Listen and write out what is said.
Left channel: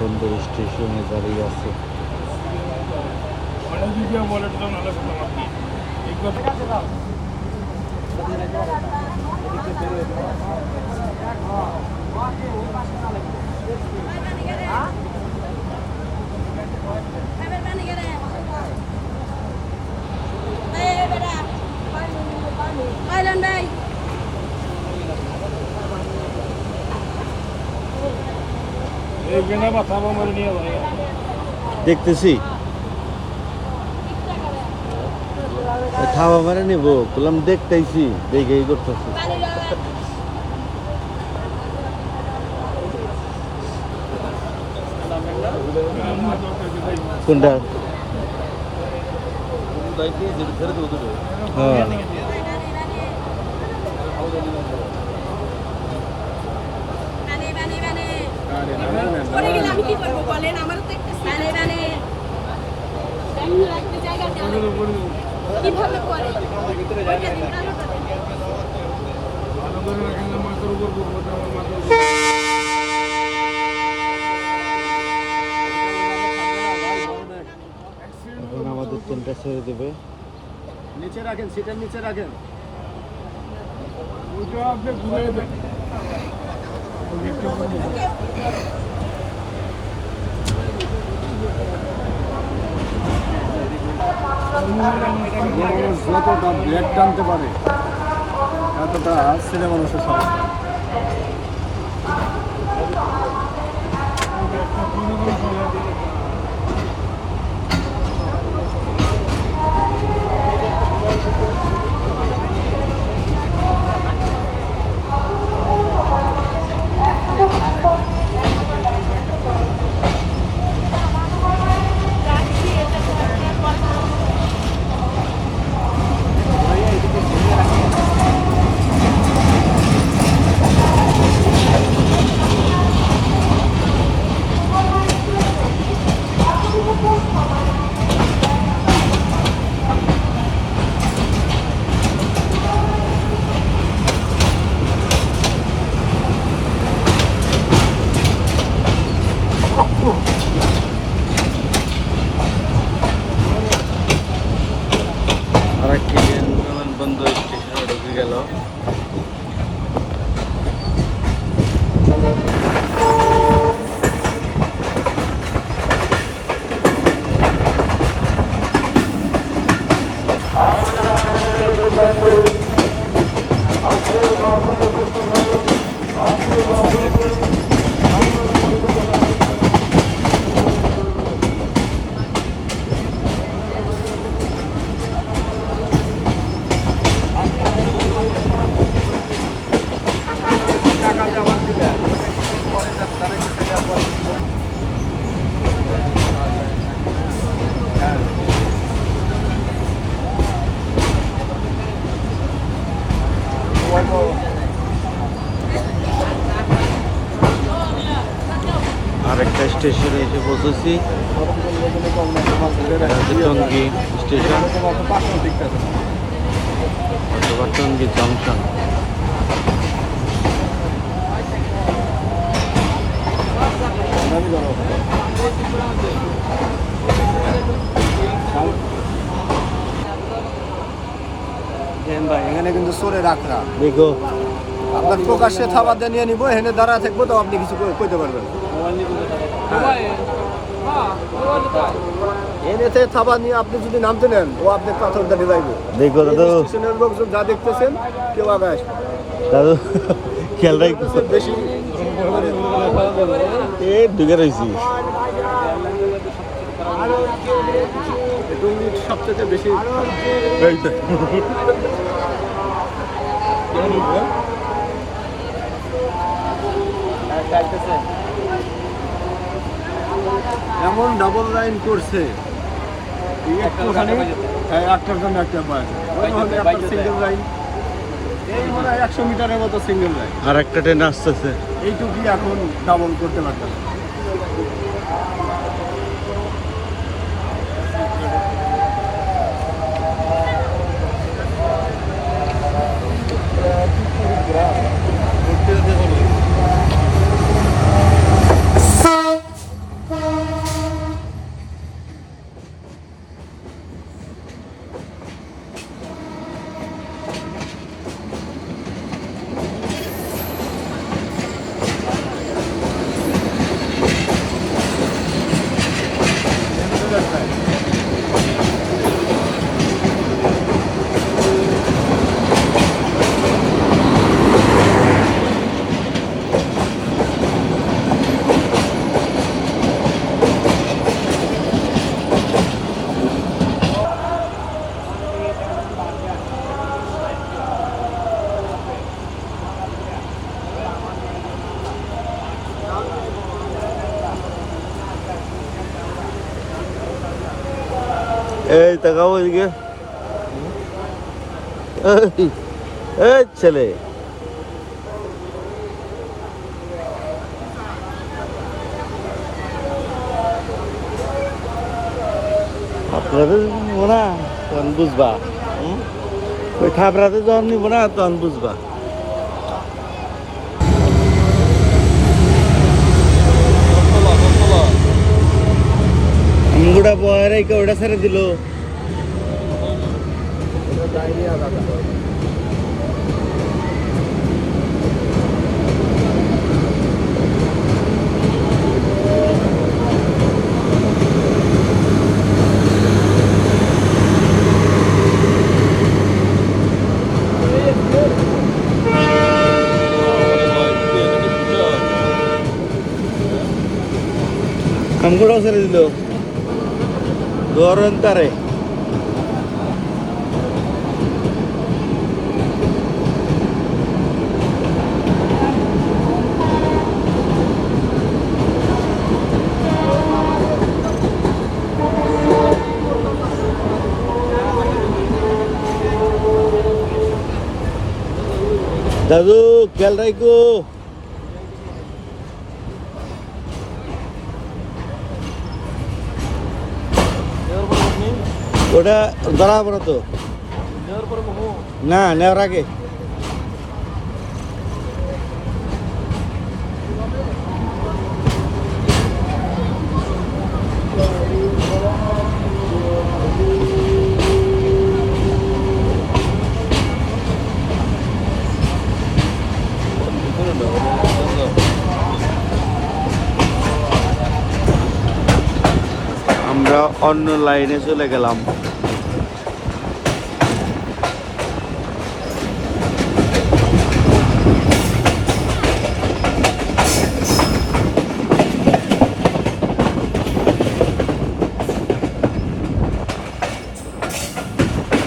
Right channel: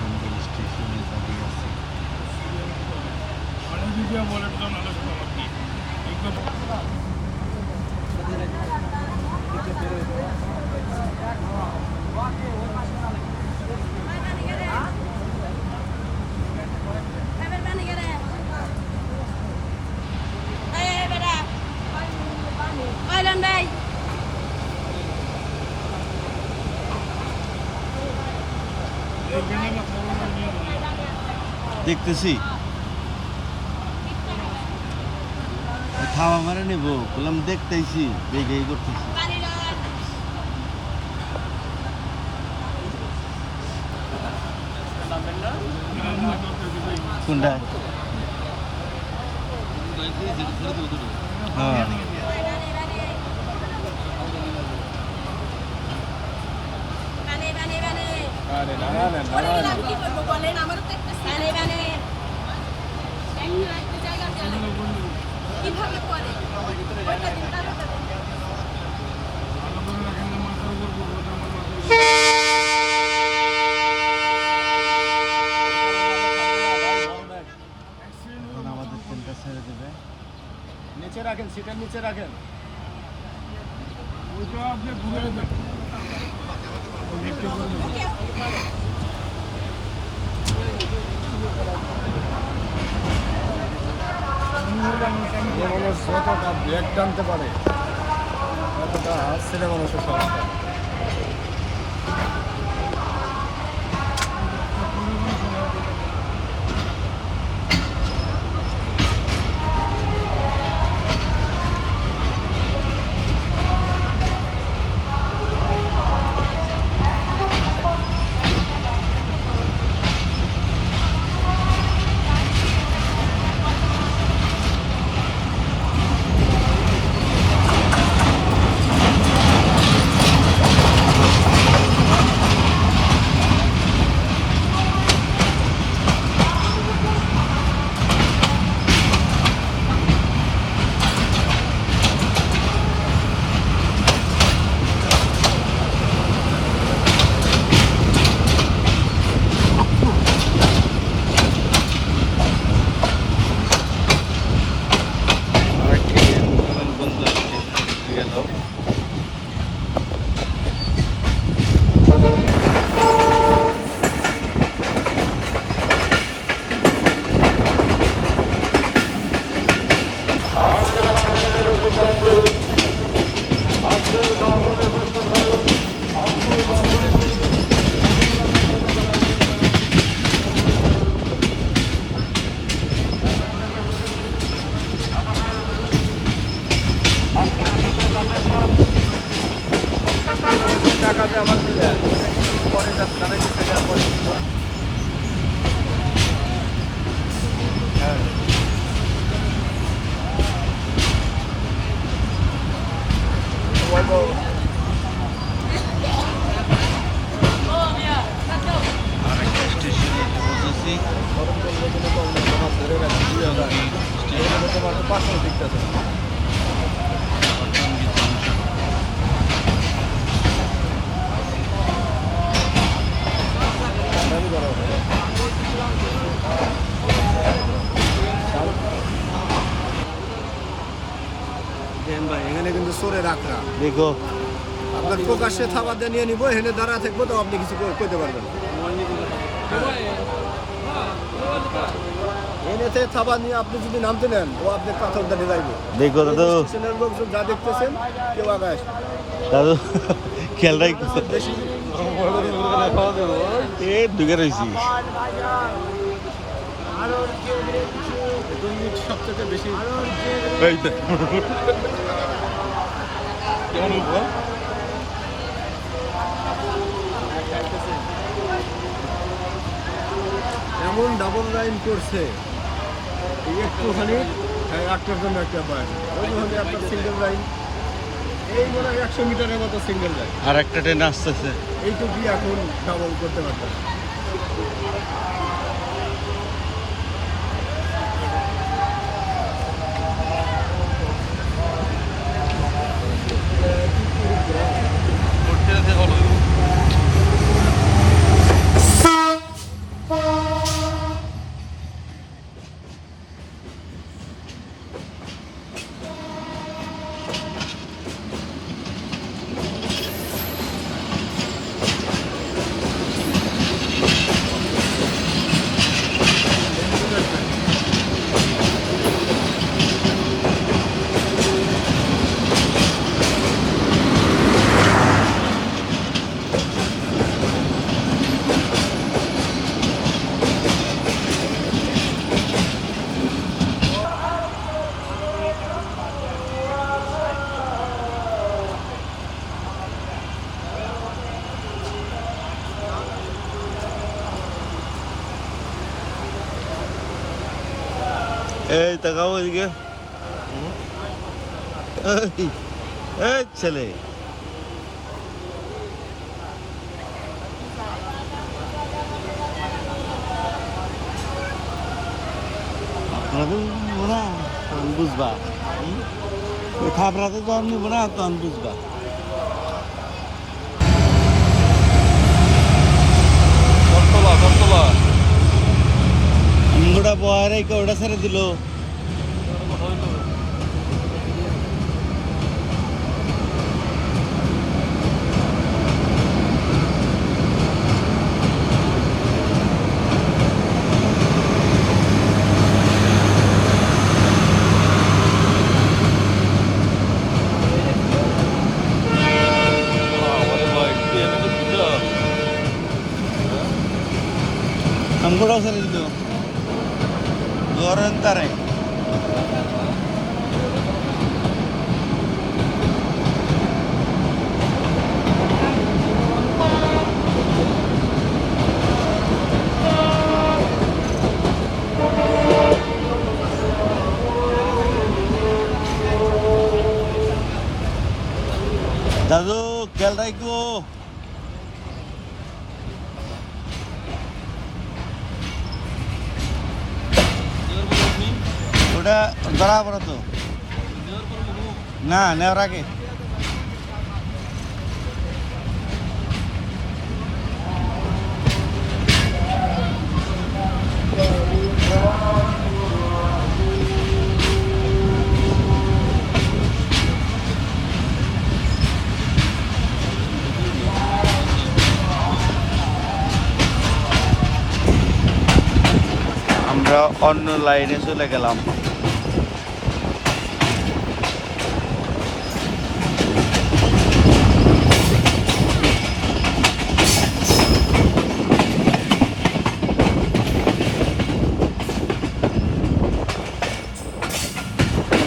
বিমানবন্দর স্টেশনে দাঁড়িয়ে আছে। দেখতেছি খাওয়া মারে নিব বললাম দেখতেছি দেখে করতেছি কোনটা হ্যাঁ আমাদের ট্রেনটা ছেড়ে দেবে। নিচে রাখেন, সিটের নিচে রাখেন। ওইটা আপনি ঘুরে দেন। যতটা ব্যাগ টানতে পারে এতটা ছেলে মানুষের সব। আরেকটা স্টেশনে এসে বসেছি, টঙ্গী স্টেশন, টঙ্গী জংশন। ভাই এখানে কিন্তু চোরে রাখরা দেখো আপনার প্রকাশ্যে থাবা দিয়ে নিয়ে নিবো, এখানে দাঁড়া থাকবো তো আপনি কিছু কইতে পারবেন। এনেতে থাবা নিয়ে আপনি যদি নামতে নেন ও আপনার পাথর দাঁড়িয়ে যাইবে। দেখো দাদু, স্টেশনের লোকজন যা দেখতেছেন কেউ আগে আসবে দাদু খেয়াল রাখতেছে বেশি ঢুকে রয়েছি। সবচেয়ে বেশি এমন ডাবল লাইন করছে একটুখানি একটার জন্য একটা পায়, একটা সিঙ্গেল লাইন। এই মনে হয় 100 মিটারের মতো সিঙ্গেল লাইন, আর একটা ট্রেন আসতেছে। এইটুকুই এখন ডাবল করতে পারতাম। এই তাকাও এদিকে এই, এই ছেলে আপনাদের নিব না তখন বুঝবা ওই থাপড়াতে যখন নিব না তখন বুঝবা আমগুড়া বয়ের ওটা ছেড়ে দিল আমগুড়া ছেড়ে দিল ধরেন তারে দাদু খেয়াল রাখো ওটা ধরা হবে না তো না নেওয়ার আগে আমরা অন্য লাইনে চলে গেলাম